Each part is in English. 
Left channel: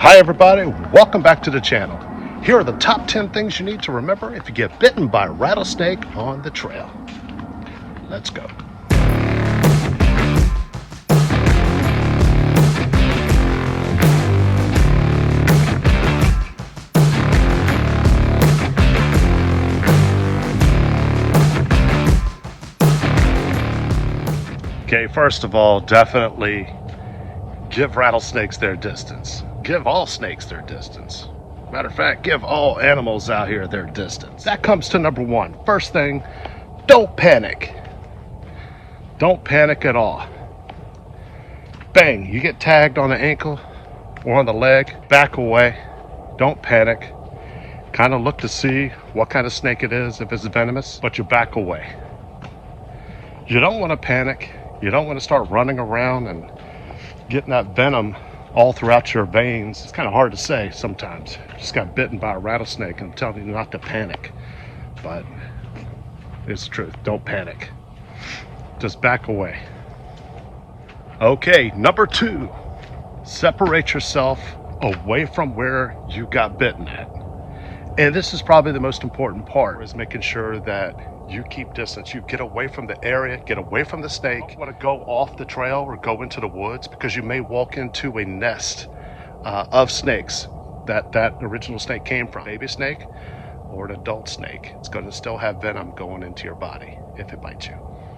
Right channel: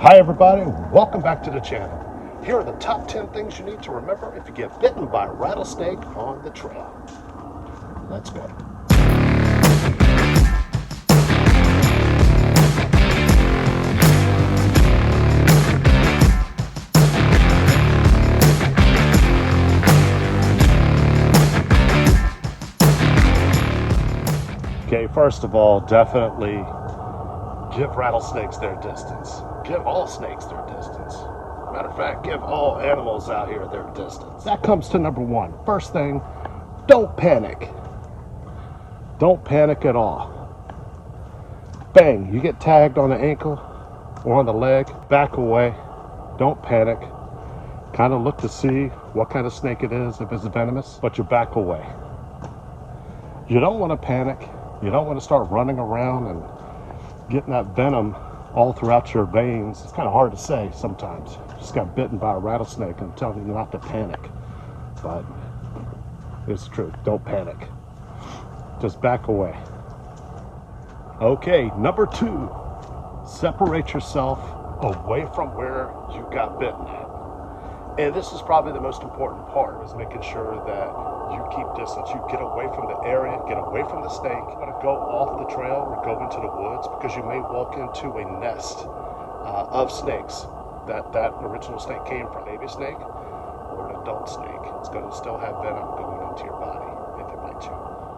Hi everybody, welcome back to the channel. Here are the top 10 things you need to remember if you get bitten by a rattlesnake on the trail. Let's go. Okay, first of all, definitely give rattlesnakes their distance. Give all snakes their distance. Matter of fact, give all animals out here their distance. That comes to number one. First thing, don't panic. Don't panic at all. Bang, you get tagged on the ankle or on the leg, back away. Don't panic. Kind of look to see what kind of snake it is, if it's venomous, but you back away. You don't want to panic. You don't want to start running around and getting that venom all throughout your veins. It's kind of hard to say sometimes. Just got bitten by a rattlesnake. I'm telling you not to panic, but it's the truth. Don't panic. Just back away. Okay, number two, separate yourself away from where you got bitten at. And this is probably the most important part, is making sure that you keep distance. You get away from the area, get away from the snake. You want to go off the trail or go into the woods, because you may walk into a nest of snakes that original snake came from. Baby snake or an adult snake. It's going to still have venom going into your body if it bites you.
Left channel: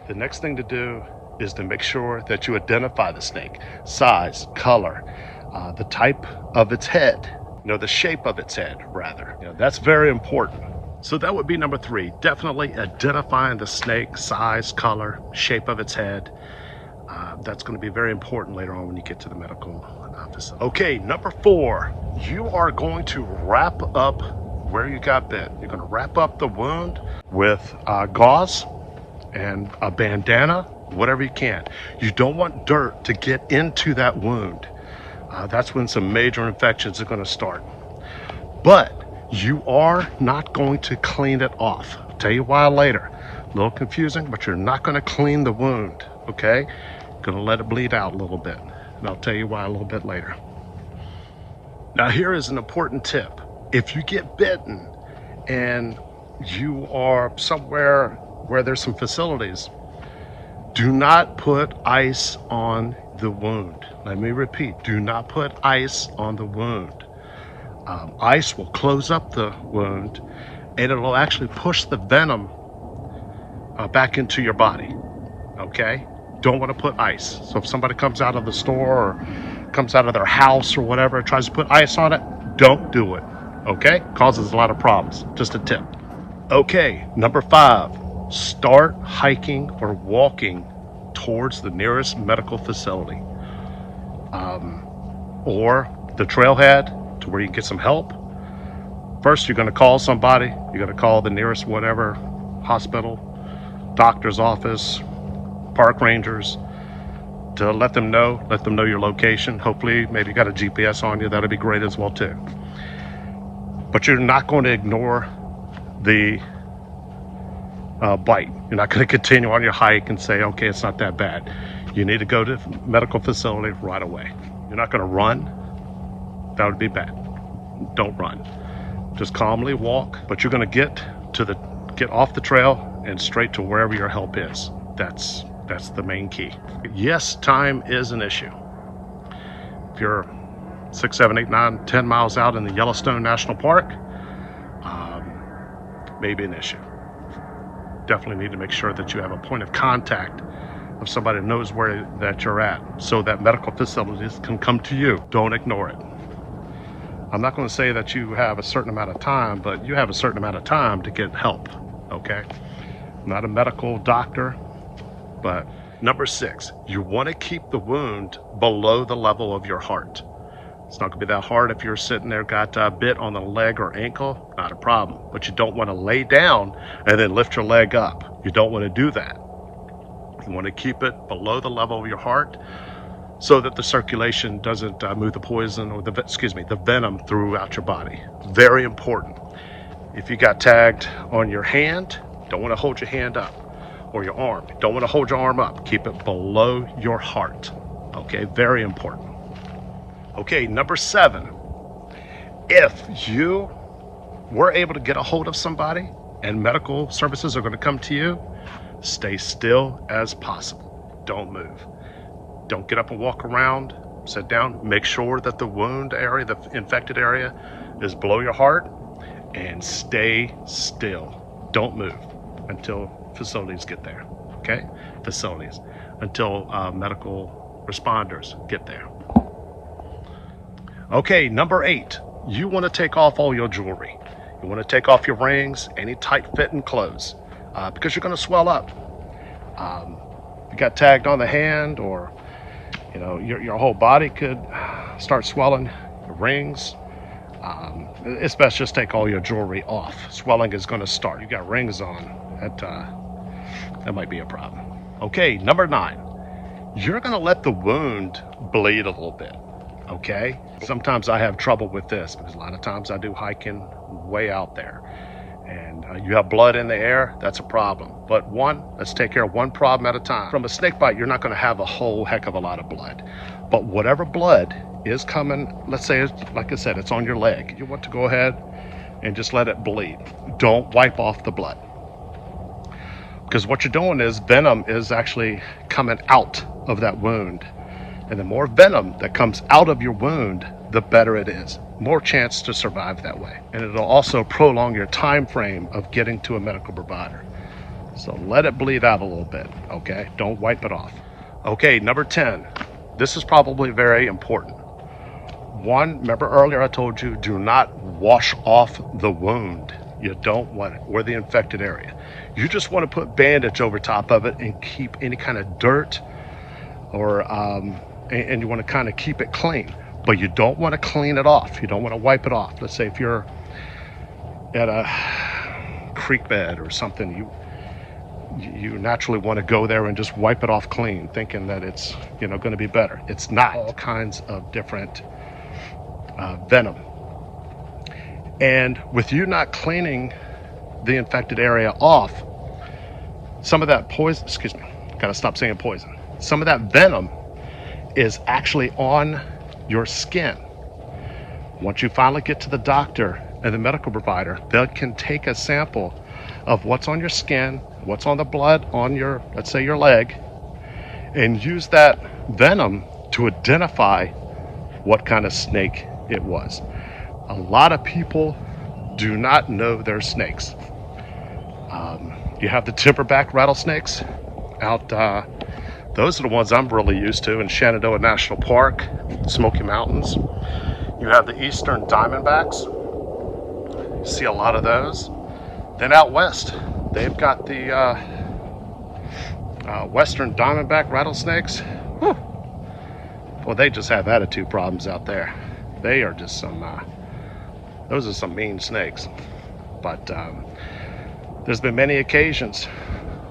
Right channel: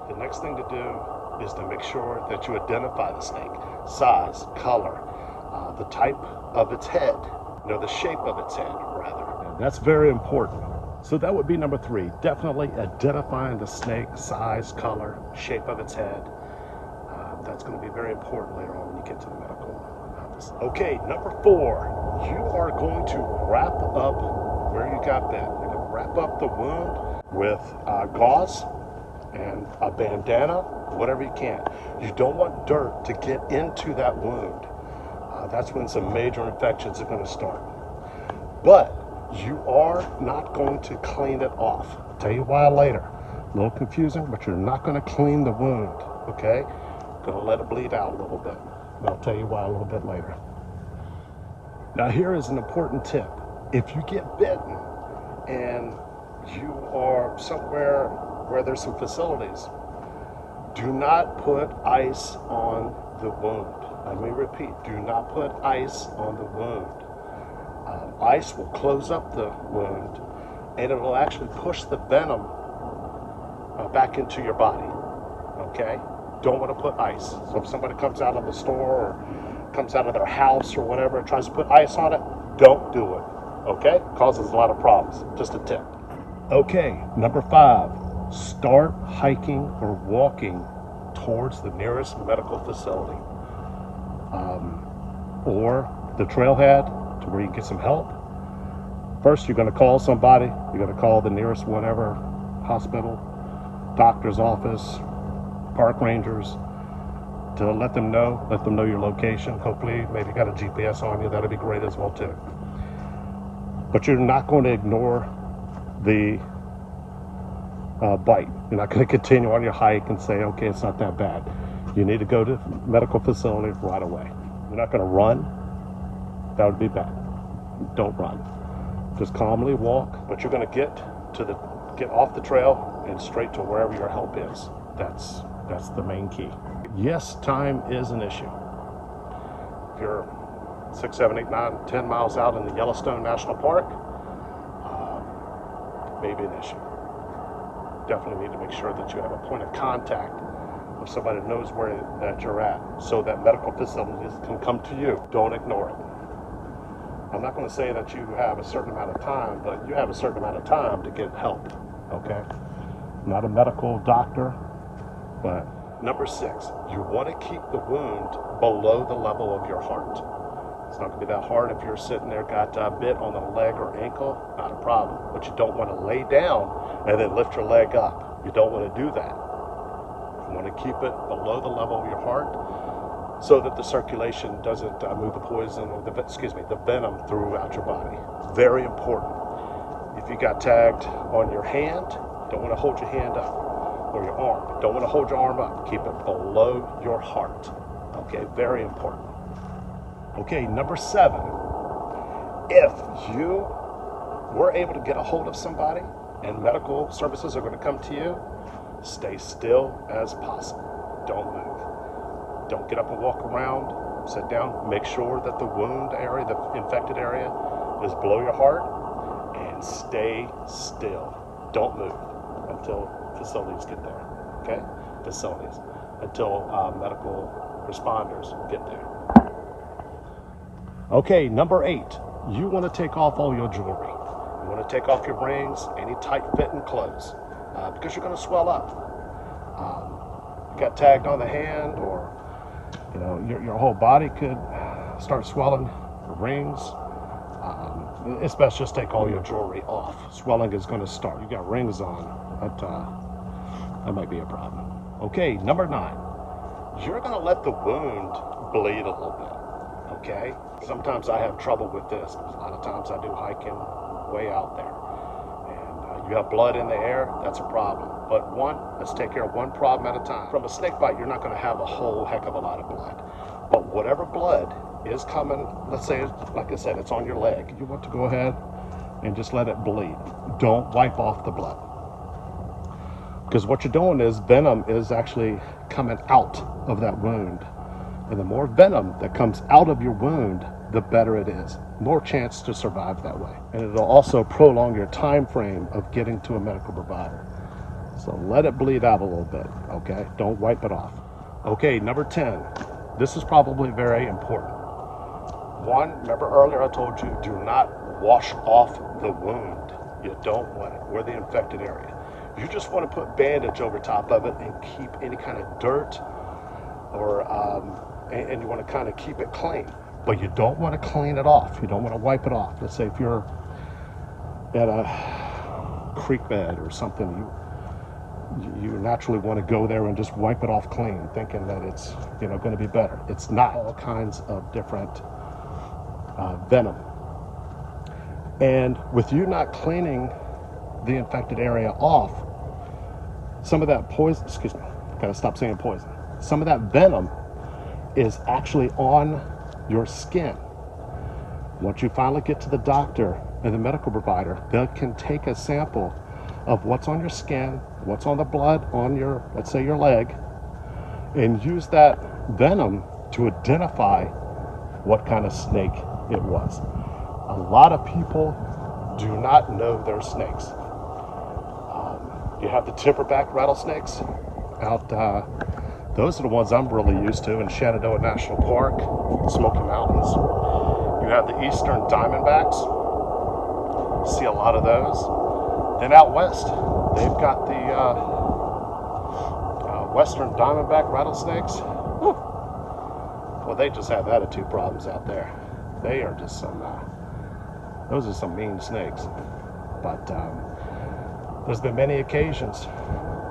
The next thing to do is to make sure that you identify the snake. Size, color, the type of its head. The shape of its head, rather. That's very important. So that would be number three. Definitely identifying the snake, size, color, shape of its head. That's going to be very important later on when you get to the medical facility. Okay, number four. You are going to wrap up where you got bit. You're going to wrap up the wound with gauze and a bandana, whatever you can. You don't want dirt to get into that wound. That's when some major infections are going to start. But you are not going to clean it off. I'll tell you why later. A little confusing, but you're not going to clean the wound, okay? Going to let it bleed out a little bit. And I'll tell you why a little bit later. Now here is an important tip. If you get bitten and you are somewhere where there's some facilities, do not put ice on the wound. Let me repeat, do not put ice on the wound. Ice will close up the wound and it'll actually push the venom back into your body, okay? Don't want to put ice. So if somebody comes out of the store or comes out of their house or whatever and tries to put ice on it, don't do it, okay? Causes a lot of problems. Just a tip. Okay, number five, start hiking or walking towards the nearest medical facility or the trailhead to where you can get some help. First, you're going to call somebody. You're going to call the nearest whatever hospital, doctor's office, park rangers, to let them know your location. Hopefully, maybe you got a GPS on you. That'd be great as well too. But you're not going to ignore the bite. You're not going to continue on your hike and say, okay, it's not that bad. You need to go to the medical facility right away. You're not going to run. That would be bad. Don't run. Just calmly walk, but you're going to get off the trail and straight to wherever your help is. That's the main key. Yes, time is an issue. If you're 6, 7, 8, 9, 10 miles out in the Yellowstone National Park, maybe an issue. Definitely need to make sure that you have a point of contact of somebody that knows where that you're at, so that medical facilities can come to you. Don't ignore it. I'm not going to say that you have a certain amount of time, but you have a certain amount of time to get help, okay? I'm not a medical doctor, but number six, you want to keep the wound below the level of your heart. It's not going to be that hard if you're sitting there, got bit on the leg or ankle, not a problem. But you don't want to lay down and then lift your leg up. You don't want to do that. You want to keep it below the level of your heart so that the circulation doesn't move the poison or the venom throughout your body. Very important. If you got tagged on your hand, don't want to hold your hand up, or your arm. Don't want to hold your arm up. Keep it below your heart. Okay, very important. Okay, number 7, If you were able to get a hold of somebody and medical services are going to come to you, stay still as possible. Don't move. Don't get up and walk around. Sit down. Make sure that the wound area, the infected area, is below your heart, and stay still. Don't move until facilities get there. Okay? Facilities. Until medical responders get there. Okay, number 8. You want to take off all your jewelry. You want to take off your rings, any tight-fitting clothes, because you're going to swell up. You got tagged on the hand, or you know, your whole body could start swelling. The rings. It's best just take all your jewelry off. Swelling is going to start. You got rings on. That might be a problem. Okay, number 9. You're going to let the wound bleed a little bit. Okay? Sometimes I have trouble with this because a lot of times I do hiking way out there, and you have blood in the air. That's a problem. But let's take care of one problem at a time. From a snake bite, you're not going to have a whole heck of a lot of blood, but whatever blood is coming, let's say, like I said, it's on your leg, you want to go ahead and just let it bleed. Don't wipe off the blood, because what you're doing is venom is actually coming out of that wound, and the more venom that comes out of your wound, the better it is. More chance to survive that way, and it'll also prolong your time frame of getting to a medical provider. So let it bleed out a little bit. Okay, don't wipe it off. Okay, number 10. This is probably very important. Remember earlier I told you, do not wash off the wound. You don't want it, or the infected area. You just want to put bandage over top of it and keep any kind of dirt, or and you want to kind of keep it clean, but you don't want to clean it off. You don't want to wipe it off. Let's say if you're in a creek bed or something, you naturally want to go there and just wipe it off clean, thinking that it's, you know, going to be better. It's not. All kinds of different venom, and with you not cleaning the infected area off, some of that poison, excuse me, gotta stop saying poison, some of that venom is actually on your skin. Once you finally get to the doctor and the medical provider, they can take a sample of what's on your skin, what's on the blood on your, let's say, your leg, and use that venom to identify what kind of snake it was. A lot of people do not know they're snakes. You have the timberback rattlesnakes out, those are the ones I'm really used to in Shenandoah National Park, Smoky Mountains. You have the eastern diamondbacks. You see a lot of those. Then out west, they've got the western diamondback rattlesnakes. Well, they just have attitude problems out there. They are just those are some mean snakes. But there's been many occasions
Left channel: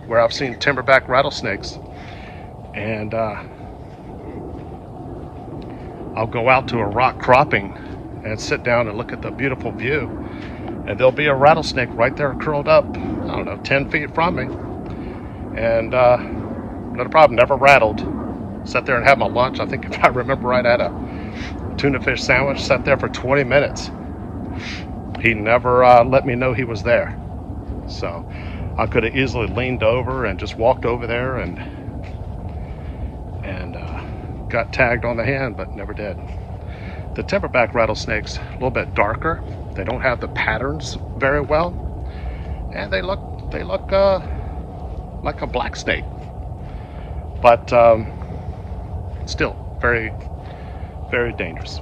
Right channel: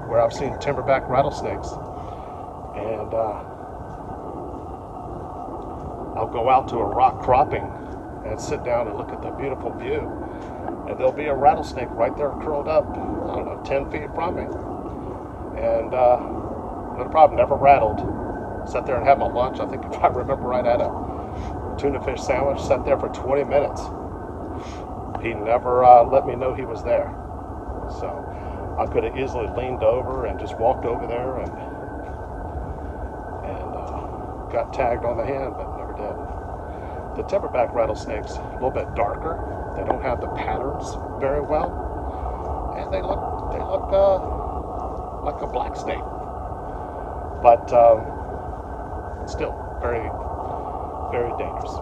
where I've seen timberback rattlesnakes, and I'll go out to a rock cropping and sit down and look at the beautiful view, and there'll be a rattlesnake right there curled up, I don't know, 10 feet from me, and not a problem, never rattled. Sat there and had my lunch. I think, if I remember right, I had a tuna fish sandwich. Sat there for 20 minutes. He never let me know he was there. So I could have easily leaned over and just walked over there and got tagged on the hand, but never did. The timberback rattlesnakes, a little bit darker. They don't have the patterns very well, and they look like a black snake, but still very, very dangerous.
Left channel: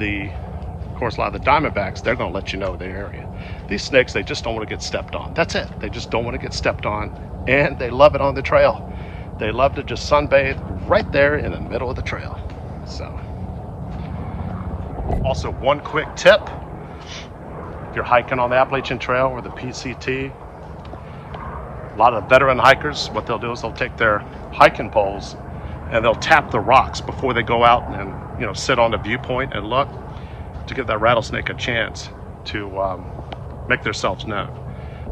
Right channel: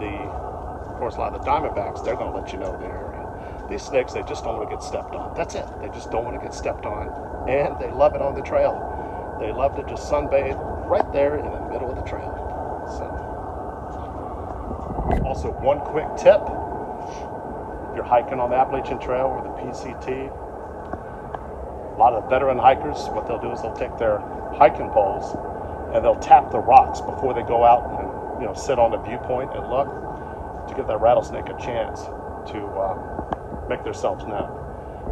Of course, a lot of the diamondbacks, they're going to let you know the area. These snakes, they just don't want to get stepped on. That's it. They just don't want to get stepped on, and they love it on the trail. They love to just sunbathe right there in the middle of the trail. So, also one quick tip: if you're hiking on the Appalachian Trail or the PCT, a lot of veteran hikers, what they'll do is they'll take their hiking poles and they'll tap the rocks before they go out and, you know, sit on the viewpoint and look, to give that rattlesnake a chance to make themselves known.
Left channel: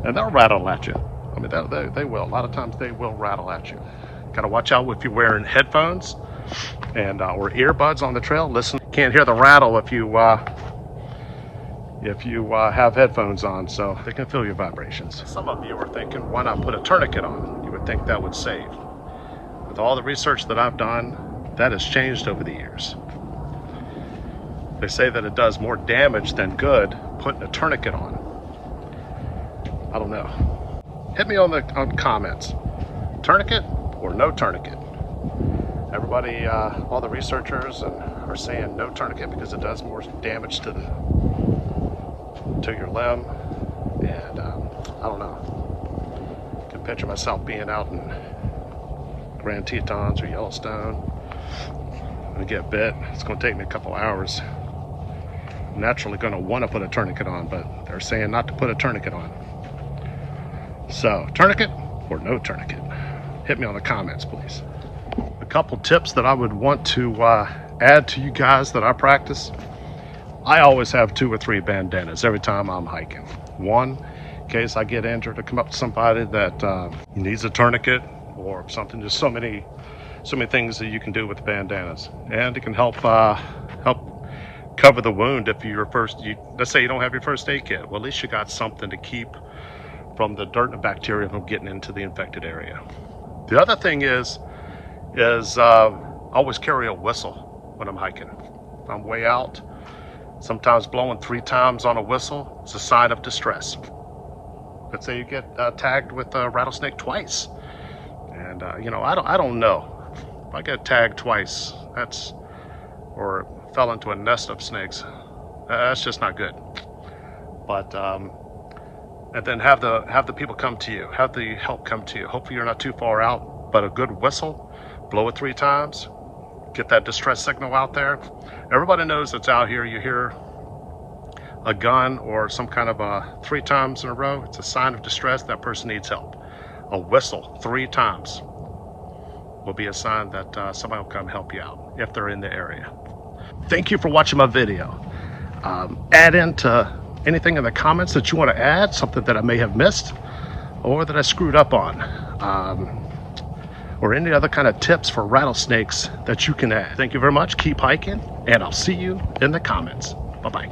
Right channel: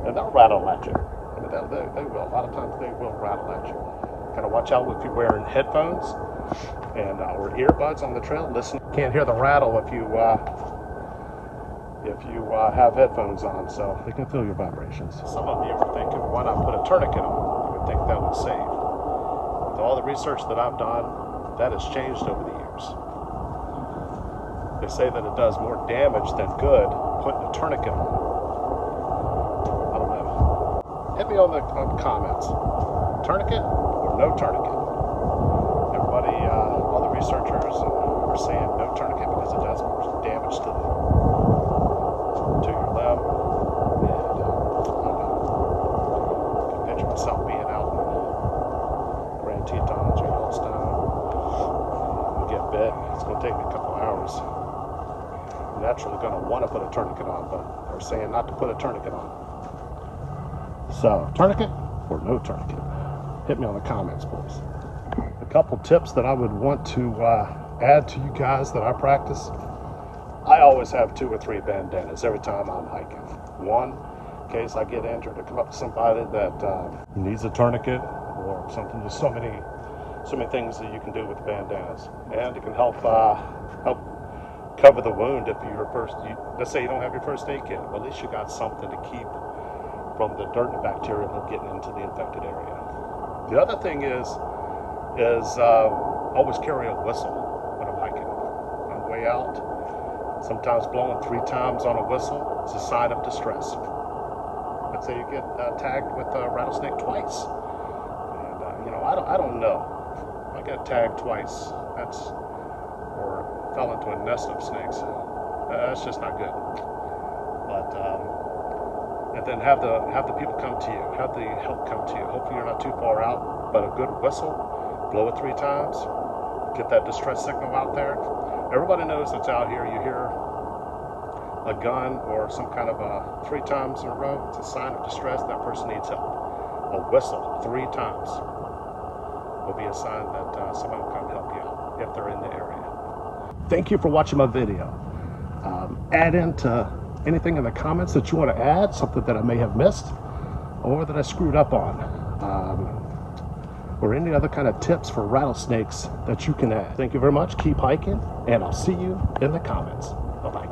And they'll rattle at you. I mean, they will. A lot of times they will rattle at you. Gotta watch out if you're wearing headphones and or earbuds on the trail. Listen, can't hear the rattle if you have headphones on, so they can feel your vibrations. Some of you are thinking, why not put a tourniquet on? You would think that would save. With all the research that I've done, that has changed over the years. They say that it does more damage than good putting a tourniquet on. I don't know. Hit me on the comments. Tourniquet or no tourniquet? Everybody, all the researchers are saying no tourniquet because it does more damage to your limb. And I don't know. I can picture myself being out in Grand Tetons or Yellowstone. I get bit. It's going to take me a couple hours. I'm naturally going to want to put a tourniquet on, but they're saying not to put a tourniquet on. So, tourniquet or no tourniquet? Hit me on the comments, please. A couple tips that I would want to add to you guys that I practice. I always have 2 or 3 bandanas every time I'm hiking. One, in case I get injured, to come up to somebody that needs a tourniquet or something. There's so many things that you can do with bandanas, and it can help cover the wound if let's say you don't have your first aid kit. Well, at least you got something to keep from the dirt and bacteria from getting into the infected area. The other thing is always carry a whistle when I'm hiking. If I'm way out, sometimes blowing 3 times on a whistle is a sign of distress. Let's say you get tagged with a rattlesnake twice, and I don't know. If I get tagged twice, or fell into a nest of snakes, that's just not good. But and then have the people come to you, have the help come to you. Hopefully you're not too far out, but a good whistle, blow it 3 times, get that distress signal out there. Everybody knows it's out here. You hear a gun or some kind of 3 times in a row, it's a sign of distress. That person needs help. A whistle 3 times will be a sign that somebody will come help you out if they're in the area. Thank you for watching my video. Add into anything in the comments that you want to add, something that I may have missed or that I screwed up on, or any other kind of tips for rattlesnakes that you can add. Thank you very much. Keep hiking, and I'll see you in the comments. Bye-bye.